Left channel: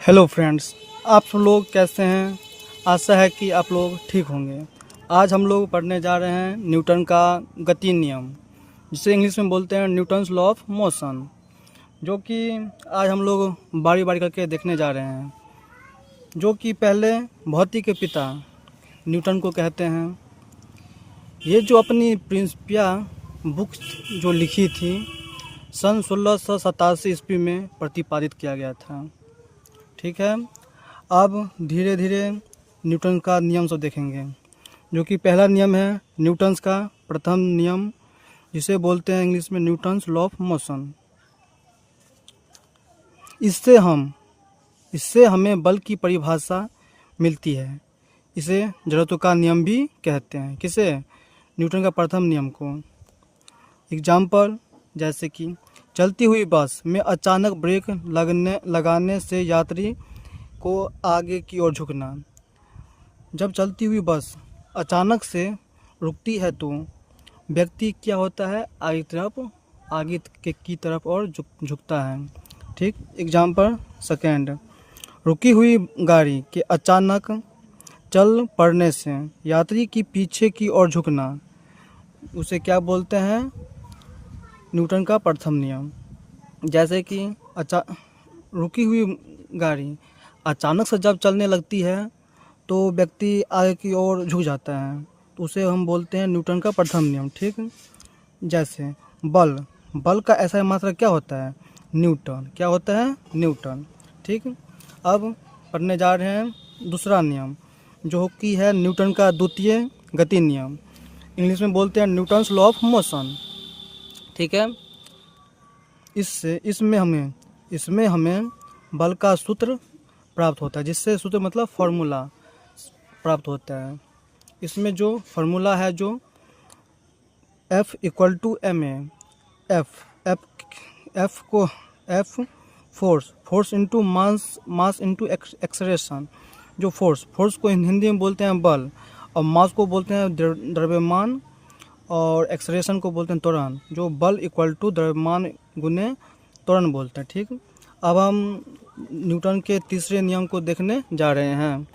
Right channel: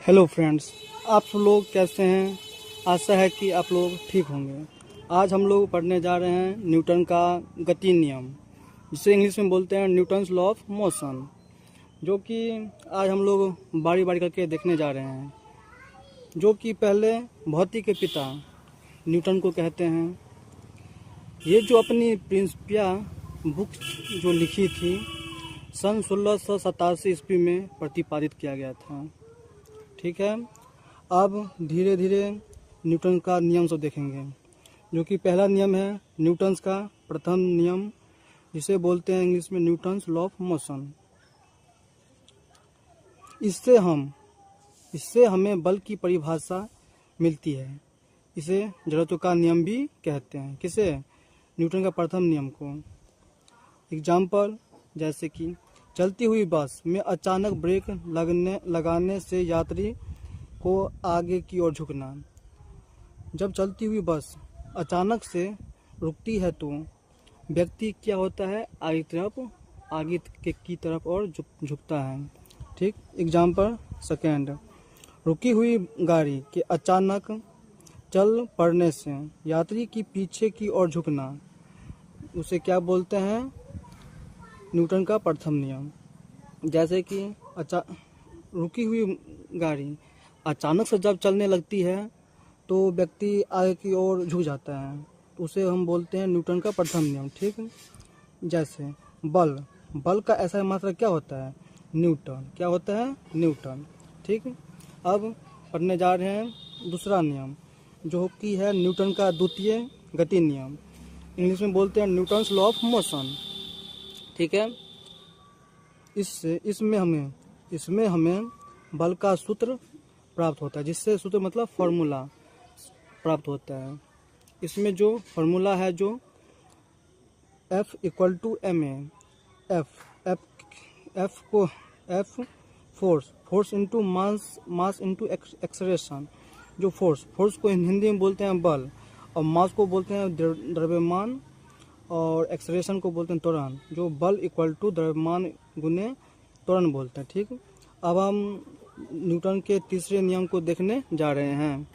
Hello friends, आप सब लोग कैसे हैं। आशा है कि आप लोग ठीक होंगे। आज हम लोग पढ़ने जा रहे हैं न्यूटन का गति नियम, जिसे इंग्लिश में बोलते हैं न्यूटन्स लॉ ऑफ मोशन, जो कि आज हम लोग बारी बारी करके देखने जा रहे हैं। जो कि पहले भौतिकी के पिता न्यूटन को कहते हैं। ये जो अपनी प्रिंसिपिया बुक जो लिखी थी सन 1687 ईस्वी में प्रतिपादित किया गया था। ठीक है, अब धीरे धीरे न्यूटन का नियम से देखेंगे, जो कि पहला नियम है न्यूटन्स का प्रथम नियम, जिसे बोलते हैं इंग्लिश में न्यूटन्स लॉ ऑफ मोशन। इससे हमें बल की परिभाषा मिलती है। इसे जड़त्व का नियम भी कहते हैं। किसे? न्यूटन का प्रथम नियम को। एग्जाम्पल, जैसे कि चलती हुई बस में अचानक ब्रेक लगाने से यात्री को आगे की ओर झुकना। जब चलती हुई बस अचानक से रुकती है तो व्यक्ति क्या होता है? आगे की तरफ और झुकता है। ठीक। एग्जाम्पल सेकेंड, रुकी हुई गाड़ी के अचानक चल पड़ने से यात्री की पीछे की ओर झुकना, उसे क्या बोलते हैं? न्यूटन का प्रथम नियम। जैसे कि रुकी हुई गाड़ी अचानक से जब चलने लगती है तो व्यक्ति आगे की ओर झुक जाता है, तो उसे हम बोलते हैं न्यूटन का प्रथम नियम। ठीक। जैसे बल का ऐसा मात्रा क्या होता है? न्यूटन। क्या होता है? न्यूटन। ठीक। अब पढ़ने जा रहे हैं दूसरा नियम, जो कि है न्यूटन का द्वितीय गति नियम। इंग्लिश में बोलते हैं न्यूटन्स लॉ ऑफ मोशन। ठीक है। इसमें हमें बल का सूत्र प्राप्त होता है, जिससे सूत्र मतलब फॉर्मूला प्राप्त होता है। इसमें जो फॉर्मूला है, जो F = ma। F force into mass into acceleration. जो फोर्स को हिंदी में बोलते हैं बल, और मास को बोलते हैं द्रव्यमान, और एक्सलेरेशन को बोलते हैं त्वरण। जो बल = द्रव्यमान गुने त्वरण बोलते हैं। ठीक। अब हम न्यूटन के तीसरे नियम को देखने जा रहे हैं।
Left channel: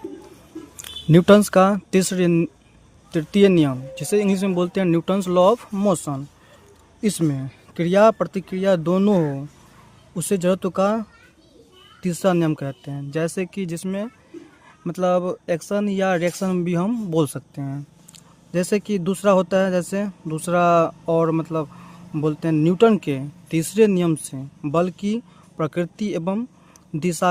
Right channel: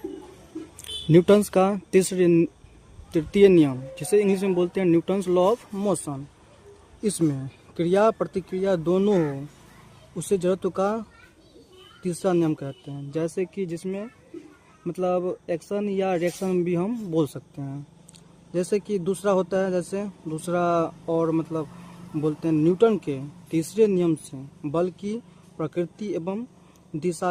न्यूटन्स का तृतीय नियम, जिसे इंग्लिश में बोलते हैं न्यूटन्स लॉ ऑफ मोशन। इसमें क्रिया प्रतिक्रिया दोनों हो, उसे जड़त्व का तीसरा नियम कहते हैं। जैसे कि जिसमें मतलब एक्शन या रिएक्शन भी हम बोल सकते हैं। जैसे कि दूसरा होता है, जैसे दूसरा और मतलब बोलते हैं न्यूटन के तीसरे नियम से बल की प्रकृति एवं दिशा